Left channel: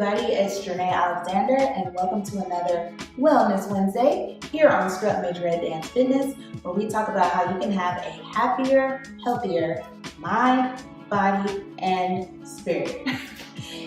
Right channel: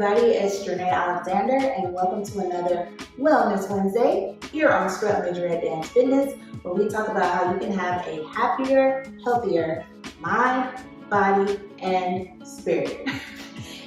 everybody, it's Strut Alexander, and welcome to another Wellness Wednesday here on Strut Majorette Dance Fitness, where we talk about how you can have a happier, healthier mind, body, and spirit.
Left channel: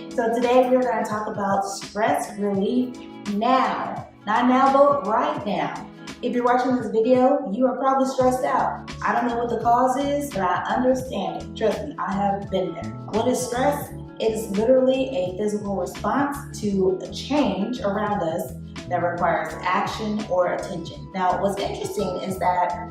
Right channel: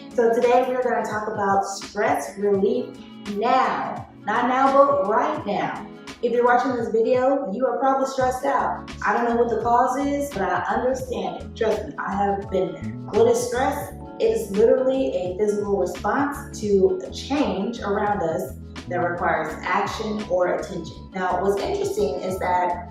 So today we're going to talk about stress relief now. Not now, but right now. If you're watching this video, you are probably stressed out. I don't know what the cause is, but I understand it. Trust me, I have been there. What is stress? It is literally a physical response to a change around us that requires action or attention. Now, what's interesting is that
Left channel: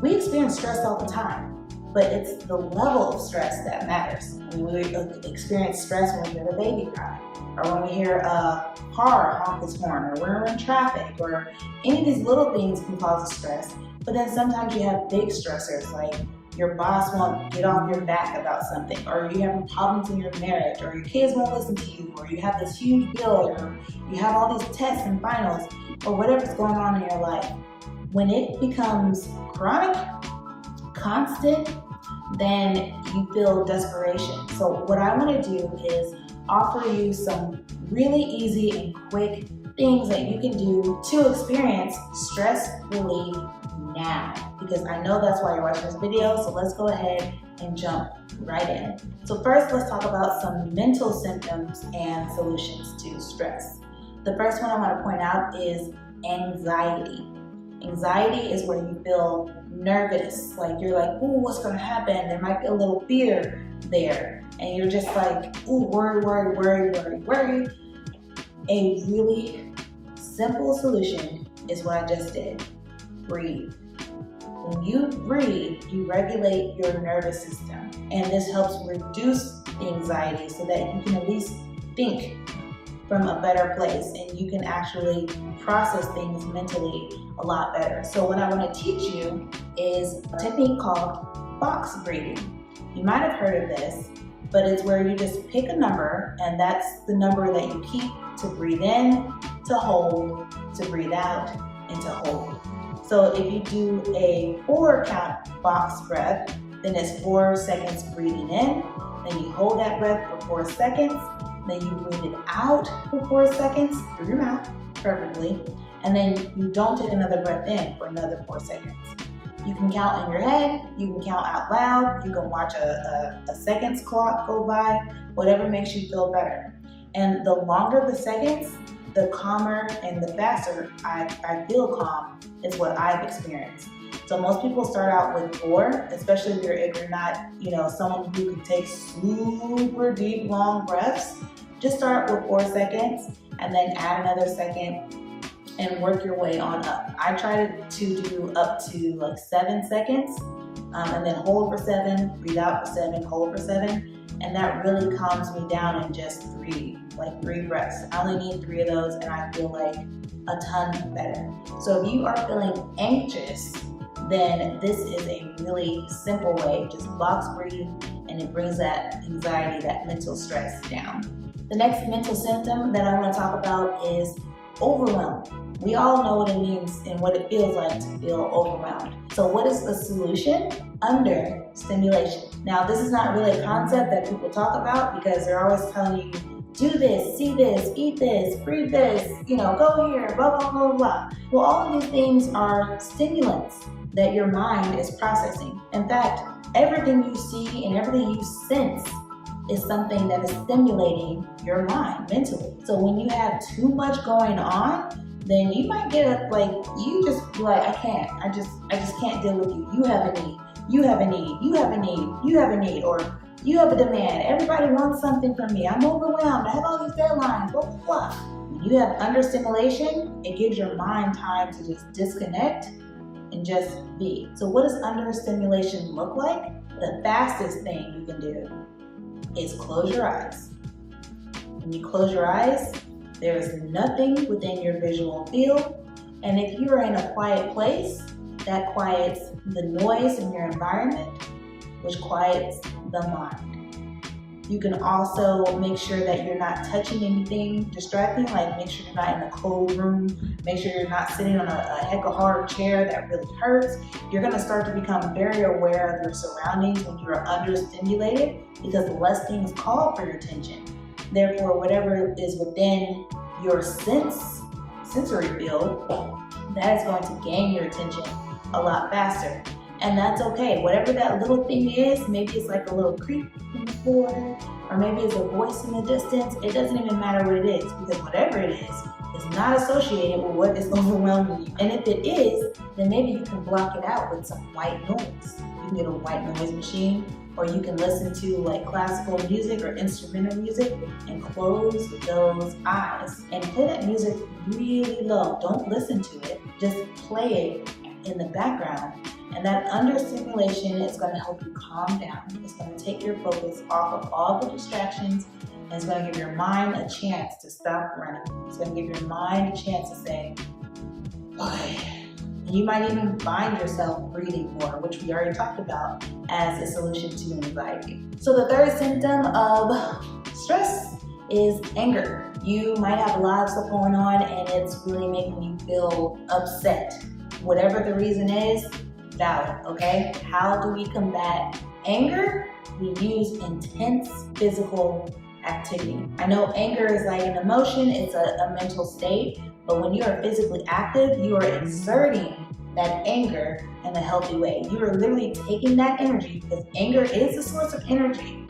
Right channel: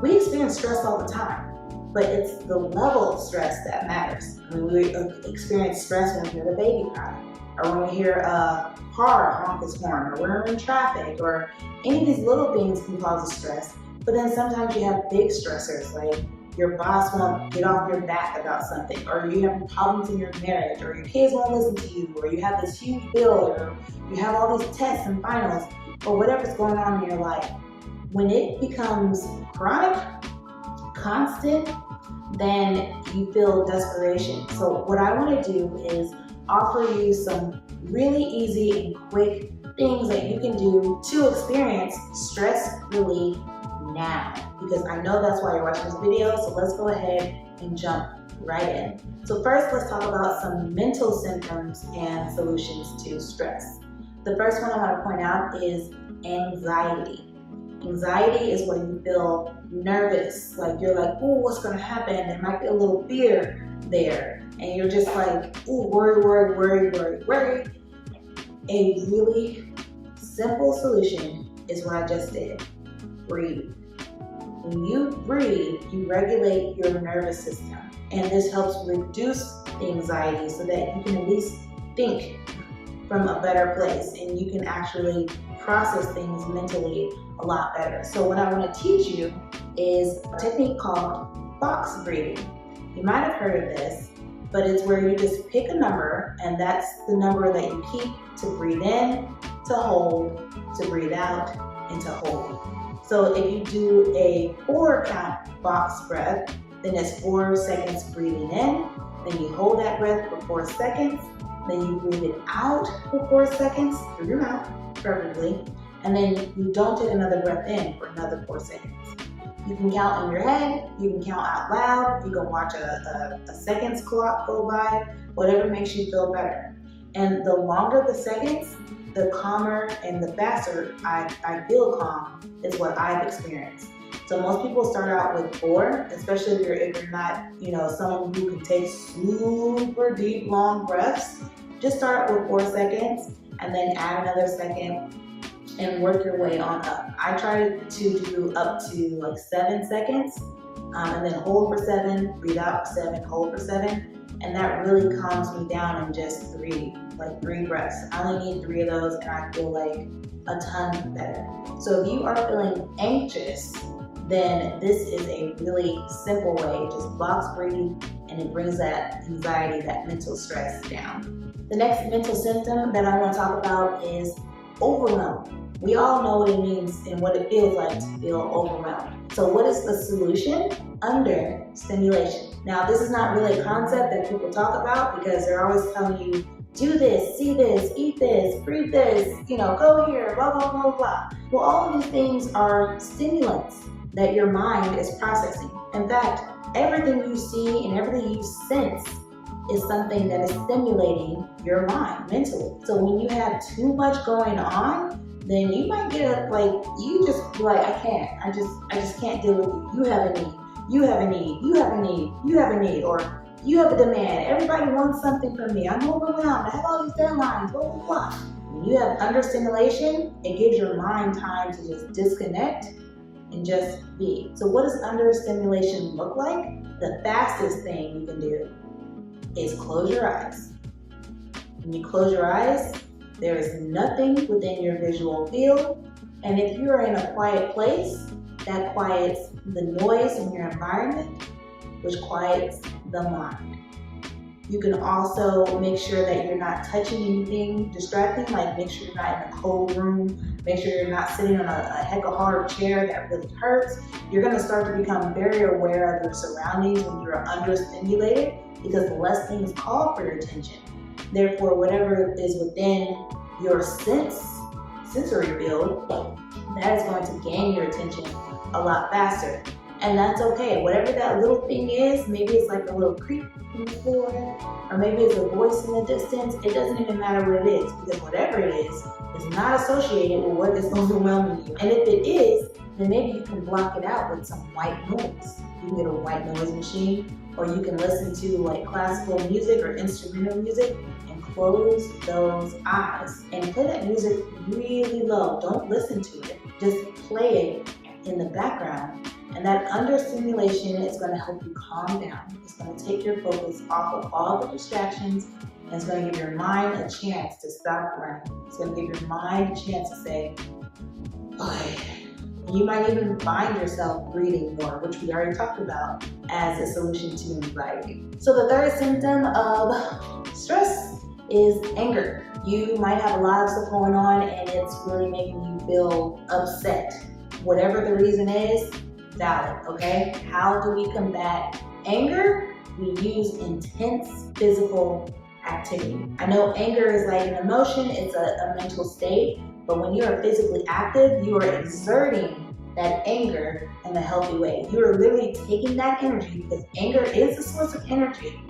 we experience stress all the time, but it's the level of stress that matters. I mean, we experience stress when we hear the baby cry, or when we hear a car honk its horn, or we're in traffic, or any of these little things can cause us stress. But then sometimes you have big stressors, like your boss won't get off your back about something, or you have problems in your marriage, or your kids won't listen to you, or you have this huge bill, or you have all these tests and finals, or whatever's going on in your life. When it becomes chronic, constant, then you feel desperation. So what I want to do is offer you some really easy and quick things that you can do to experience stress relief now, because I know that's why you're watching this video. So let's go ahead and jump right in. So first, let's talk about some mental symptoms and solutions to stress. The first one I want to point out is anxiety. Anxiety is when you feel nervous, like you're like, ooh, what's going to happen? There might be a little fear there, and you're just like, ooh, worry. A really simple solution is what I just did. Breathe. When you breathe, you regulate your nervous system, and this helps reduce the anxiety so that you can at least think from a better place, and you can actually process things mentally a lot better. So what I want to teach you is a technique called box breathing. You might have heard of this, but it's where you just pick a number, and that's the number that you keep to breathe in, to hold, to breathe out, and to hold. So if you do a 4 count box breath, then it's 4 seconds breathing in, then you hold that breath for 4 seconds, then you breathe it out for 4 seconds through your mouth, preferably, and then you don't take another breath in for another 4 seconds. You can count in your head, you can count out loud, you can watch a seconds clock go by, whatever makes you feel better. And the longer the seconds, the calmer and the faster I feel calm is what I've experienced. So most people start out with 4, especially if you're not, someone who can take super deep, long breaths. Just start with 4 seconds and then add another second and work your way on up. I try to do up to like 7 seconds and then hold for 7, breathe out for 7, hold for 7. And that really calms me down in just 3 breaths. I only need 3 of those and I feel like a ton better. So if you are feeling anxious, then this is a really simple way. Just box breathe, and it brings that anxiety, that mental stress down. The next mental symptom that I want to talk about is overwhelm. We all know what it means and what it feels like to feel overwhelmed. So what is the solution? Under stimulation. Now, this is not really a concept that people talk about because they're always telling you, do this, see this, eat this, breathe this, go here, blah, blah, blah, blah. Well, all of these things are stimulants that your mind is processing. In fact, everything you see and everything you sense is something that is stimulating your mind mentally. So when you have too much going on, then you might get you just be like, I just can't deal with you. You have a need, you have a need, you have a need, you have a need, or you have a demand. Everybody wants something from me. I'm overwhelmed. I have all these deadlines, blah, blah, blah. When you have understimulation, it gives your mind time to just disconnect and just be. So what does understimulation look like? The fastest thing you can do is close your eyes. When you close your eyes, there is nothing within your visual field. And if you are in a quiet place, that quiets the noise in your environment, which quiets the mind. You can also make sure that you're not touching anything distracting, like make sure you're not in a cold room, make sure you're not sitting on a heck of hard chair that really hurts. You're gonna start to become very aware of your surroundings when you're understimulated, because less things call for your attention. Therefore, whatever is within your sensory field, that is going to gain your attention a lot faster. And that's okay. Whatever that little thing is, maybe it's like a little creak in the floor, or maybe it's a voice in the distance. It doesn't even matter what it is, because whatever it is not associated with what is overwhelming you. And if it is, then maybe you can block it out with some white noise. You can get a white noise machine, or you can listen to like classical music or instrumental music and close those eyes and play that music really low. Don't listen to it, just play it in the background. And that understimulation is going to help you calm down. It's going to take your focus off of all the distractions, and it's going to give your mind a chance to stop running. It's going to give your mind a chance to say, okay. And you might even find yourself breathing more, which we already talked about as a solution to anxiety. So the third symptom of stress is anger. You might have a lot of stuff going on and it's really making you feel upset. Whatever the reason is, valid, okay? How do we combat anger? We use intense physical activity. I know anger is like an emotion, it's a mental state, but when you are physically active, you are exerting that anger in a healthy way. You are literally taking that energy, because anger is a source of energy,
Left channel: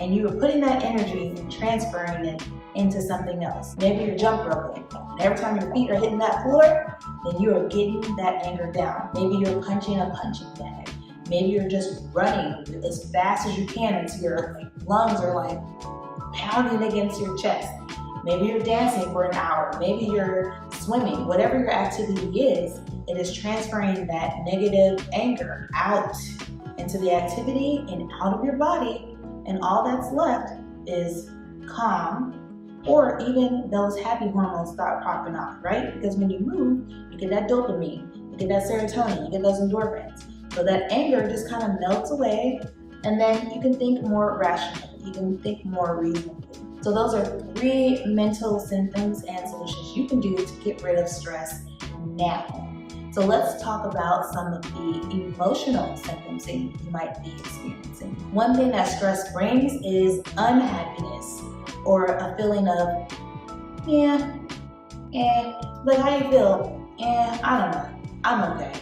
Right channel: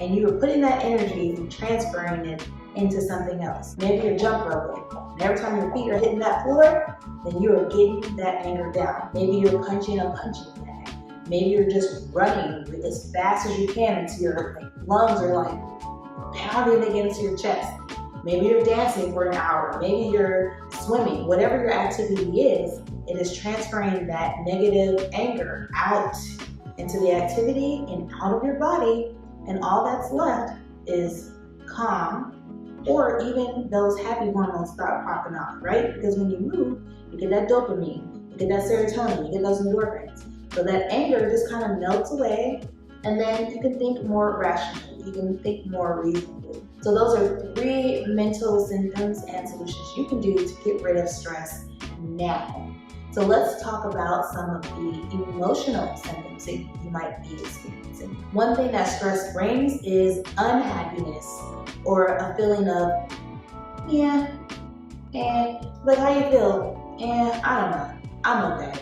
and you are putting that energy and transferring it into something else. Maybe you're jump roping. Every time your feet are hitting that floor, then you are getting that anger down. Maybe you're punching a punching bag. Maybe you're just running as fast as you can until your lungs are like pounding against your chest. Maybe you're dancing for an hour. Maybe you're swimming. Whatever your activity is, it is transferring that negative anger out into the activity and out of your body, and all that's left is calm, or even those happy hormones start popping off, right? Because when you move, you get that dopamine, you get that serotonin, you get those endorphins. So that anger just kind of melts away, and then you can think more rationally, you can think more reasonably. So those are 3 mental symptoms and solutions you can do to get rid of stress now. So let's talk about some of the emotional symptoms that you might be experiencing. One thing that stress brings is unhappiness, or a feeling of, like how you feel, I don't know, I'm okay,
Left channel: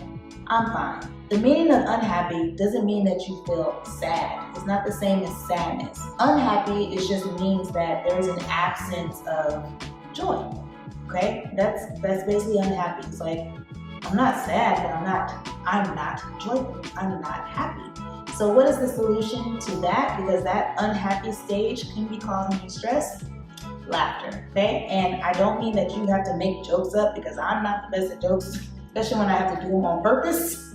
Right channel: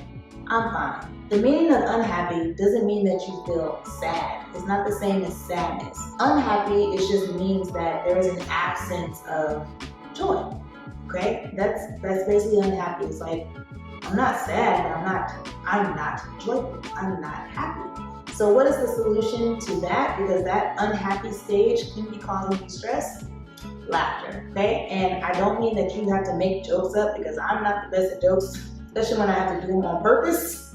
I'm fine. The meaning of unhappy doesn't mean that you feel sad. It's not the same as sadness. Unhappy, it just means that there's an absence of joy, okay? That's basically unhappy. It's like, I'm not sad, but I'm not joyful, I'm not happy. So what is the solution to that? Because that unhappy stage can be causing you stress. Laughter, okay? And I don't mean that you have to make jokes up, because I'm not the best at jokes, especially when I have to do them on purpose.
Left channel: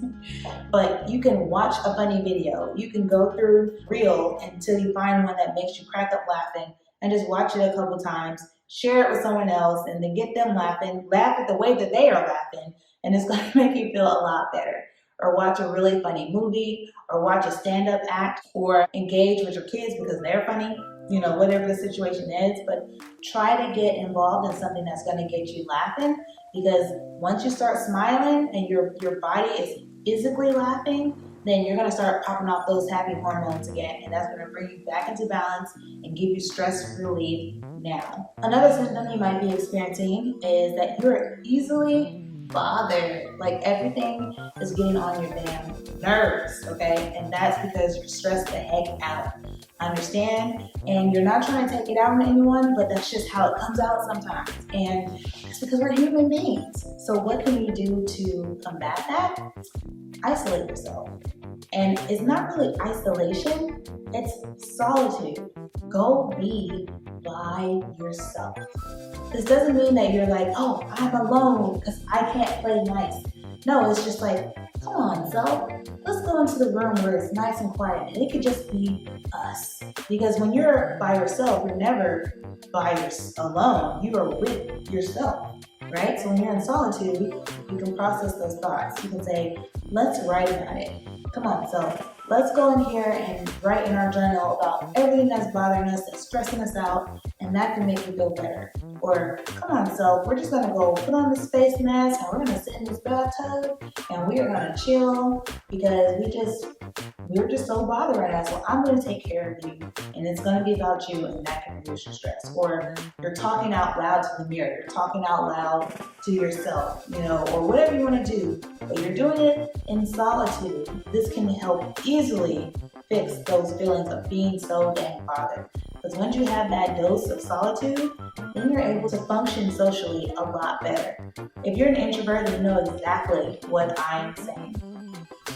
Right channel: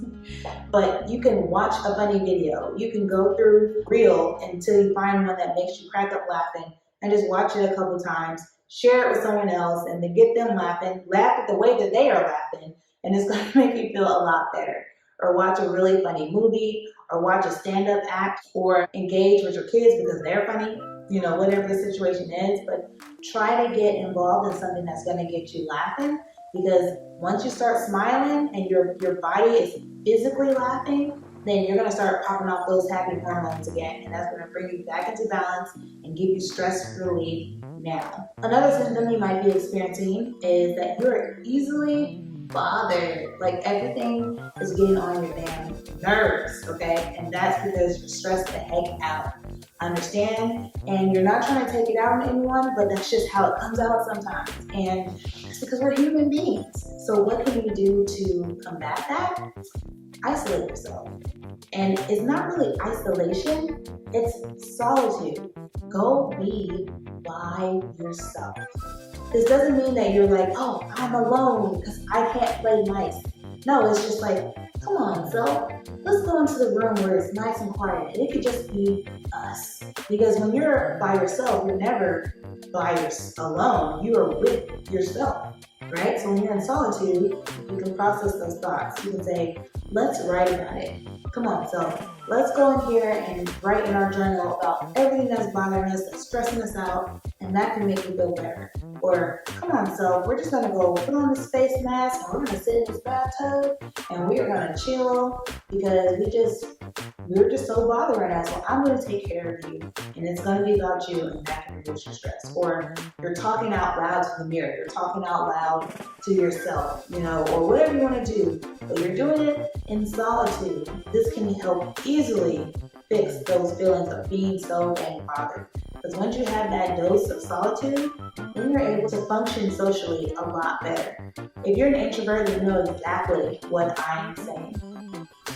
But you can watch a funny video. You can go through Reel until you find one that makes you crack up laughing, and just watch it a couple times, share it with someone else, and then get them laughing. Laugh at the way that they are laughing, and it's going to make you feel a lot better. Or watch a really funny movie, or watch a stand-up act, or engage with your kids because they're funny, whatever the situation is. But try to get involved in something that's going to get you laughing, because once you start smiling and your body is physically laughing, then you're going to start popping off those happy hormones again, and that's going to bring you back into balance and give you stress relief now. Another symptom you might be experiencing is that you're easily bothered. Like everything is getting on your damn nerves, okay? And that's because you're stressed the heck out. I understand, and you're not trying to take it out on anyone, but that's just how it comes out sometimes. And that's because we're human beings. So what can you do to combat that? Isolate yourself. And it's not really isolation, it's solitude. Go be by yourself. This doesn't mean that you're like, oh, I'm alone because I can't play nice. No, it's just like, come on, self, let's go into the room where it's nice and quiet. And it could just be us. Because when you're by yourself, you're never alone. You are with yourself, right? So when you're in solitude, you can process those thoughts. You can say, let's write about it. Come on, self, let's go in here and write in our journal about everything that's bothering us, that's stressing us out, and that can make you feel better. Or, come on, self, we're just gonna go put on this face mask and we're gonna sit in this bathtub and we are gonna chill because we're just so bothered right now. So I'm gonna take care of you and it's gonna be about you and that can reduce your stress. Or you're talking out loud to the mirror, you're talking out loud to yourself, or whatever you wanna do, but you're doing it in solitude. This can help easily fix those feelings of being so dang bothered. Because once you have that dose of solitude, then you're able to function socially a lot better. If you're an introvert, you know exactly what I'm saying.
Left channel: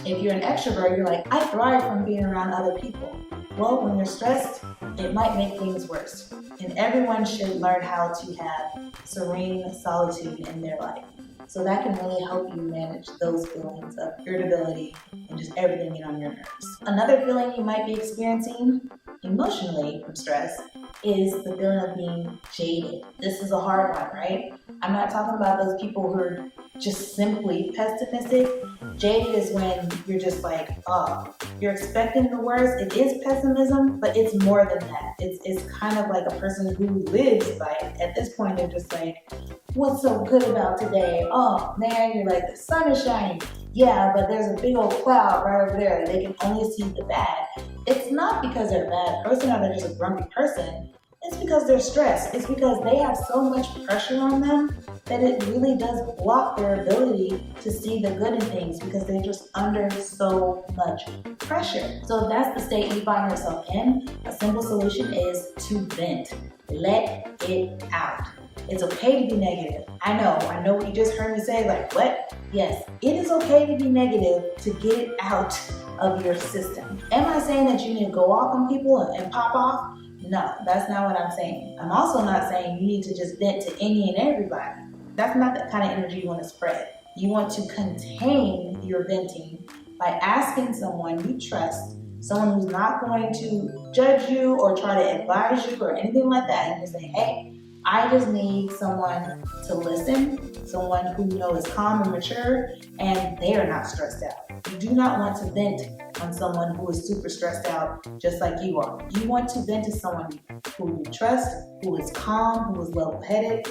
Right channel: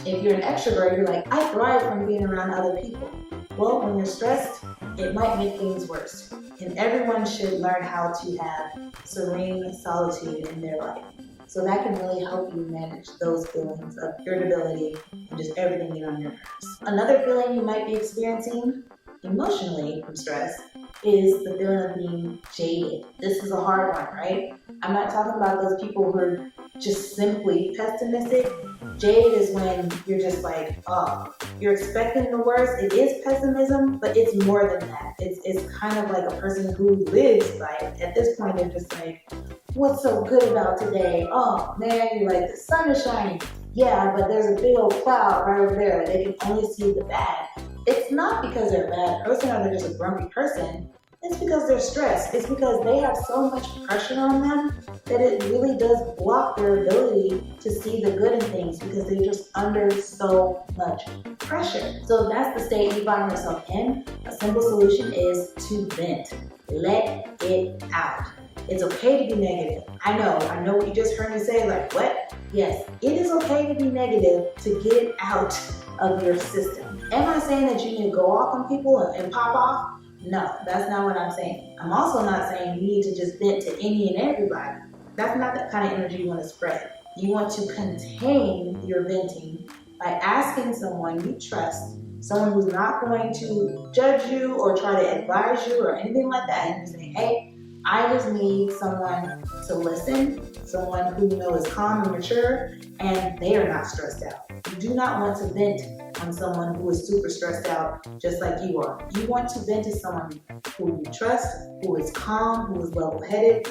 If you're an extrovert, you're like, I thrive from being around other people. Well, when you're stressed, it might make things worse. And everyone should learn how to have serene solitude in their life. So that can really help you manage those feelings of irritability and just everything being on your nerves. Another feeling you might be experiencing emotionally from stress is the feeling of being jaded. This is a hard one, right? I'm not talking about those people who are just simply pessimistic. Jaded is when you're just like, oh, you're expecting the worst. It is pessimism, but it's more than that. It's kind of like a person who lives by it. At this point, they're just like, what's so good about today? Oh man, you're like, the sun is shining. Yeah, but there's a big old cloud right over there. They can only see the bad. It's not because they're a bad person or they're just a grumpy person. It's because they're stressed. It's because they have so much pressure on them that it really does block their ability to see the good in things because they're just under so much pressure. So if that's the state you find yourself in, a simple solution is to vent. Let it out. It's okay to be negative. I know what you just heard me say, like, what? Yes, it is okay to be negative, to get it out of your system. Am I saying that you need to go off on people and pop off? No, that's not what I'm saying. I'm also not saying you need to just vent to any and everybody. That's not the kind of energy you want to spread. You want to contain your venting by asking someone you trust, someone who's not going to judge you or try to advise you or anything like that, and just say, hey, I just need someone to listen, someone who is calm and mature, and they are not stressed out. You do not want to vent on someone who is super stressed out just like you are. You want to vent to someone who you trust, who is calm, who is level-headed,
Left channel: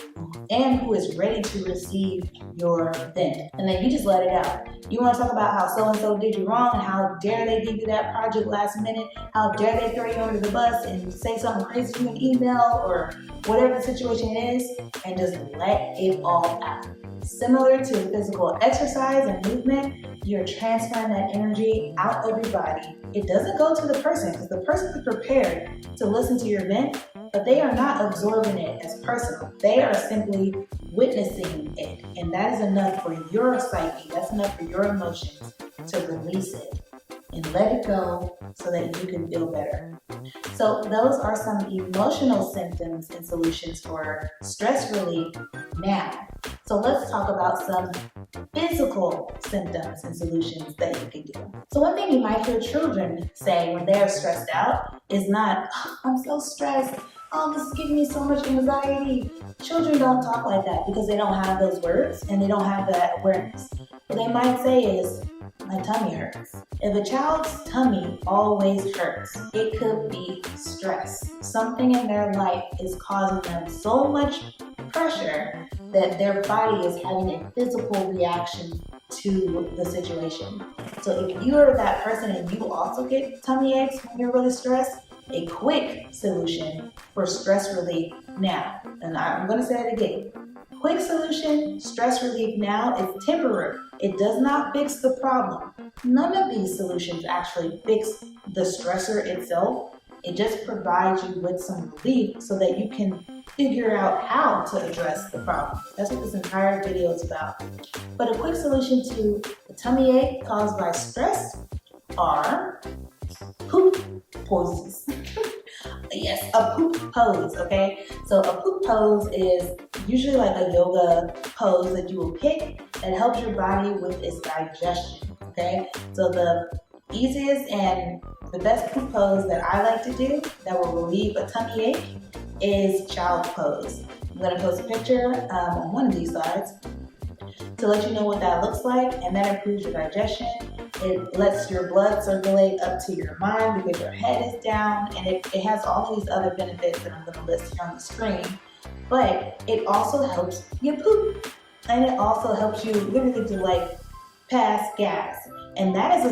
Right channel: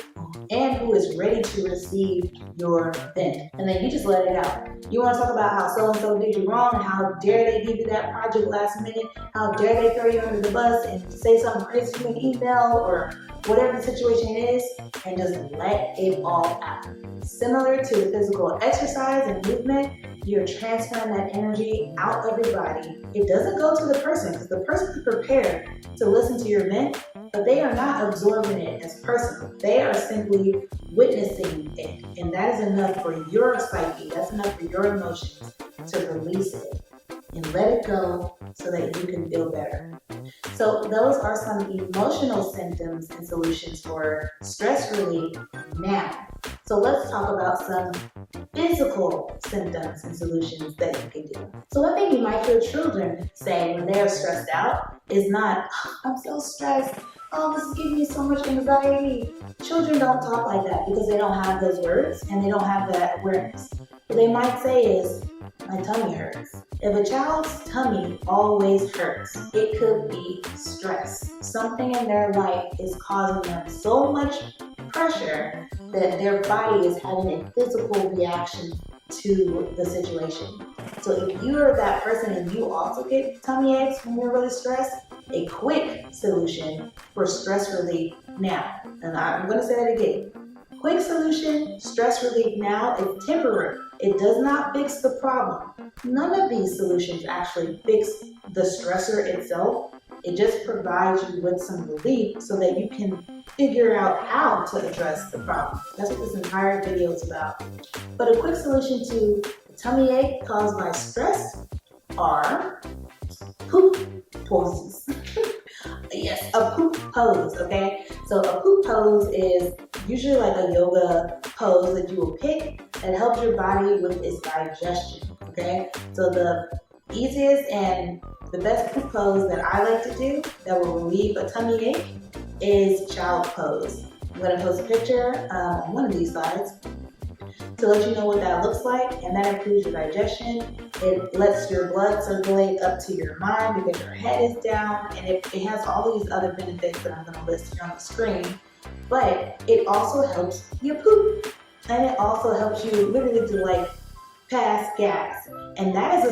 and who is ready to receive your vent. And then you just let it out. You want to talk about how so-and-so did you wrong and how dare they give you that project last minute, how dare they throw you under the bus and say something crazy to an email or whatever the situation is, and just let it all out. Similar to physical exercise and movement, you're transferring that energy out of your body. It doesn't go to the person because the person is prepared to listen to your vent, but they are not absorbing it as personal. They are simply witnessing it, and that is enough for your psyche. That's enough for your emotions to release it and let it go so that you can feel better. So those are some emotional symptoms and solutions for stress relief now. So let's talk about some physical symptoms and solutions that you can do. So one thing you might hear children say when they're stressed out is not, oh, I'm so stressed. Oh, this is giving me so much anxiety. Children don't talk like that because they don't have those words and they don't have that awareness. What they might say is, my tummy hurts. If a child's tummy always hurts, it could be stress. Something in their life is causing them so much pressure that their body is having a physical reaction to the situation. So if you're that person and you also get tummy aches when you're really stressed, a quick solution for stress relief now, and I'm going to say it again. Quick solution, stress relief now, is temporary. It does not fix the problem. None of these solutions actually fix the stressor itself. It just provides you with some relief so that you can figure out how to address the problem. That's what this entire video is about. But a quick solution to a tummy ache caused by stress are poop poses. Yes, a poop pose, okay? So a poop pose is usually like a yoga pose that you will pick that helps your body with its digestion, okay? So the easiest and the best poop pose that I like to do that will relieve a tummy ache is child pose. I'm gonna post a picture on one of these slides to let you know what that looks like, and that improves your digestion. It lets your blood circulate up to your mind because your head is down, and it has all of these other benefits that I'm going to list here on the screen. but it also helps you poop. And it also helps you literally to like pass gas. And that is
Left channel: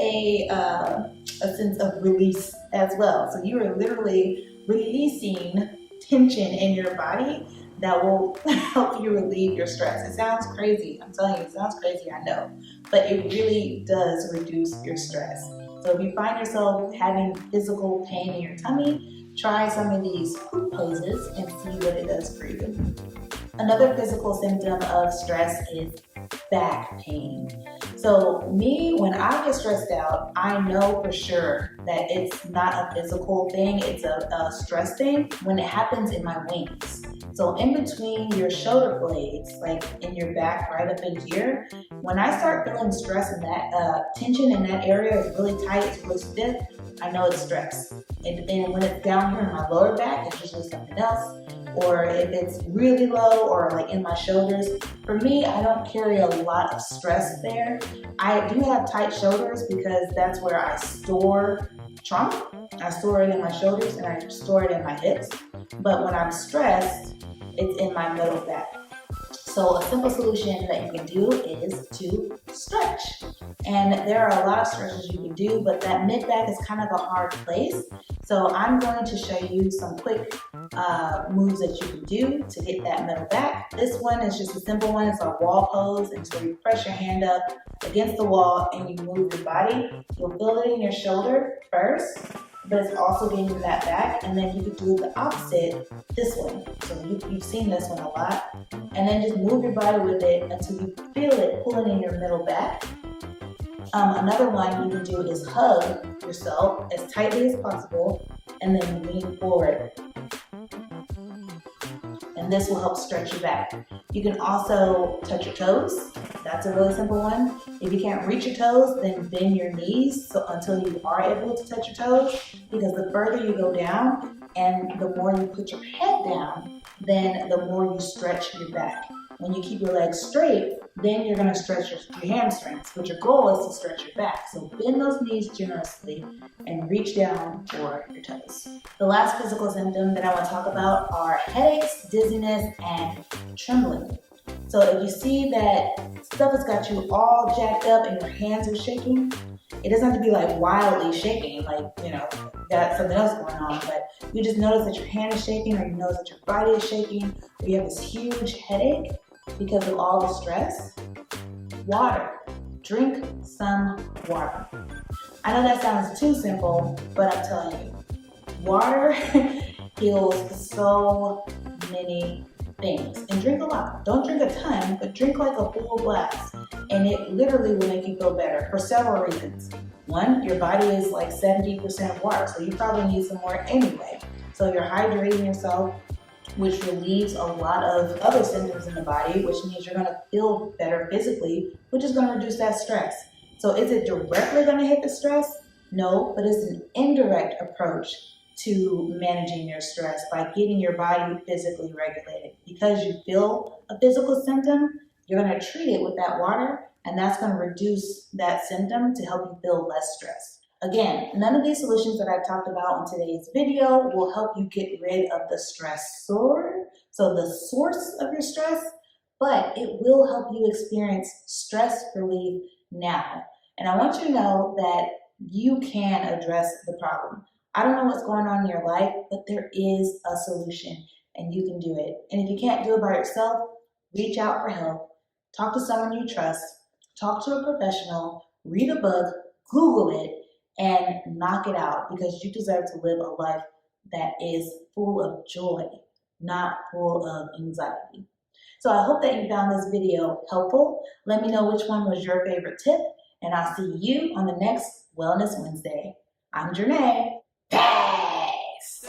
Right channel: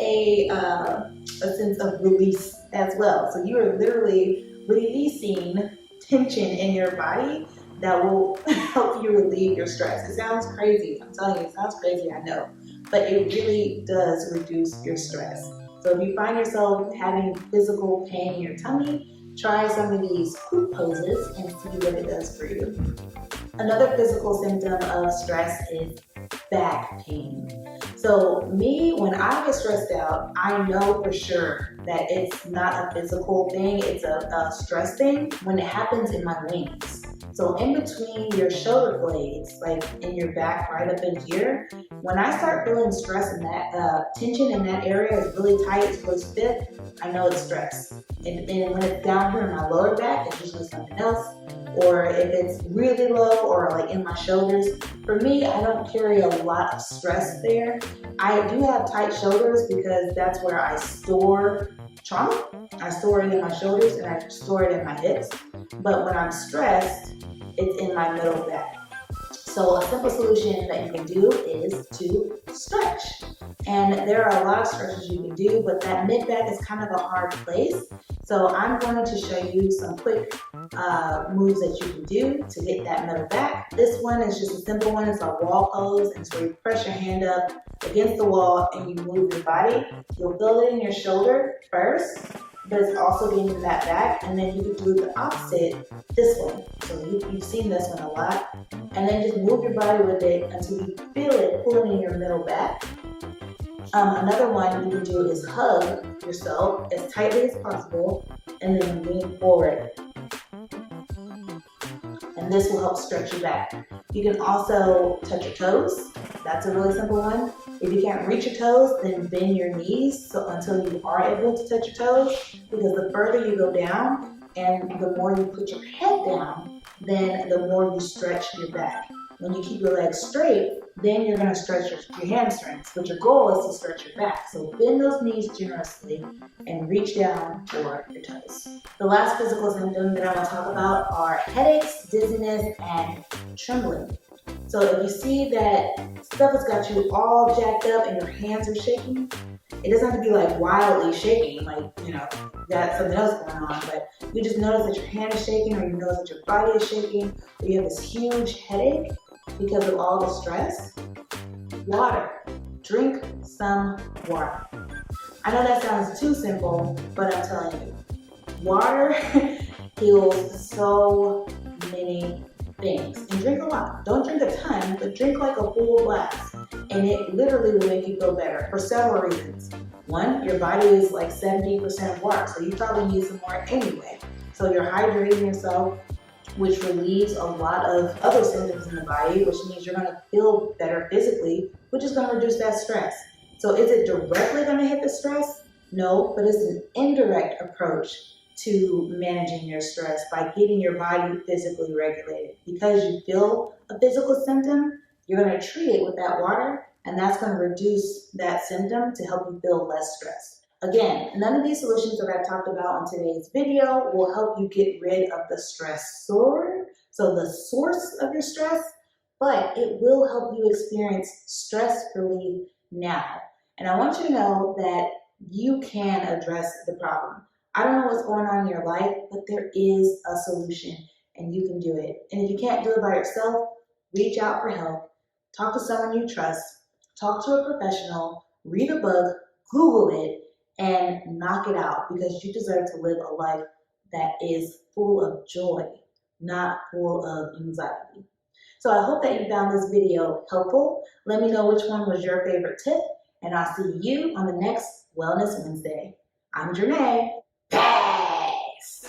a sense of release as well. So you are literally releasing tension in your body that will help you relieve your stress. It sounds crazy. I'm telling you, it sounds crazy, I know. But it really does reduce your stress. So if you find yourself having physical pain in your tummy, try some of these poop poses and see what it does for you. Another physical symptom of stress is back pain. So me, when I get stressed out, I know for sure that it's not a physical thing, it's a stress thing when it happens in my wings. So in between your shoulder blades, like in your back right up in here, when I start feeling stress and that tension in that area is really tight, it's really stiff, I know it's stress. And when it's down here in my lower back, it's usually something else. Or if it's really low or like in my shoulders, for me, I don't carry a lot of stress there. I do have tight shoulders because that's where I store trauma. I store it in my shoulders and I store it in my hips. But when I'm stressed, it's in my middle back. So a simple solution that you can do is to stretch. And there are a lot of stretches you can do, but that mid back is kind of a hard place. So I'm going to show you some quick moves that you can do to get that middle back. This one is just a simple one. It's a wall pose. And so you press your hand up against the wall and you move your body. You'll feel it in your shoulder first, but it's also getting to that back. And then you can do the opposite, this one. So you've seen this one a lot. And then just move your body with it until you feel it pulling in your middle back. Another one you can do is hug yourself as tightly as possible and then lean forward. And this will help stretch your back. You can also touch your toes. That's a really simple one. If you can't reach your toes, then bend your knees until you are able to touch your toes, because the further you go down and the more you put your head down, then the more you stretch your back. When you keep your legs straight, then you're going to stretch your hamstrings, but your goal is to stretch your back. So bend those knees generously and reach down for your toes. The last physical symptom that I want to talk about are headaches, dizziness, and trembling. So if you see that stuff has got you all jacked up and your hands are shaking, it doesn't have to be like wildly shaking, like, you know, got something else going on, but you just notice that your hand is shaking, or you notice that your body is shaking, or you have this huge headache because of all the stress. Water. Drink some water. I know that sounds too simple, but I'm telling you, water heals so many things. And drink a lot. Don't drink a ton, but drink like a full glass. And it literally will make you feel better for several reasons. One, your body is like 70% water, so you probably need some more anyway. So you're hydrating yourself, which relieves a lot of other symptoms in the body, which means you're going to feel better physically, which is going to reduce that stress. So is it directly going to hit the stress? No, but it's an indirect approach to managing your stress by getting your body physically regulated. Because you feel a physical symptom, you're going to treat it with that water, and that's going to reduce that symptom to help you feel less stressed. Again, none of these solutions that I've talked about in today's video will help you get rid of the stressor, so the source of your stress, but it will help you experience stress relief now. And I want you to know that you can address the problem. I don't know what's going on in your life, but there is a solution and you can do it. And if you can't do it by yourself, reach out for help. Talk to someone you trust. Talk to a professional. Read a book. Google it. And knock it out, because you deserve to live a life that is full of joy, not full of anxiety. So I hope that you found this video helpful. Let me know which one was your favorite tip, and I'll see you on the next Wellness Wednesday. I'm Janae. Peace.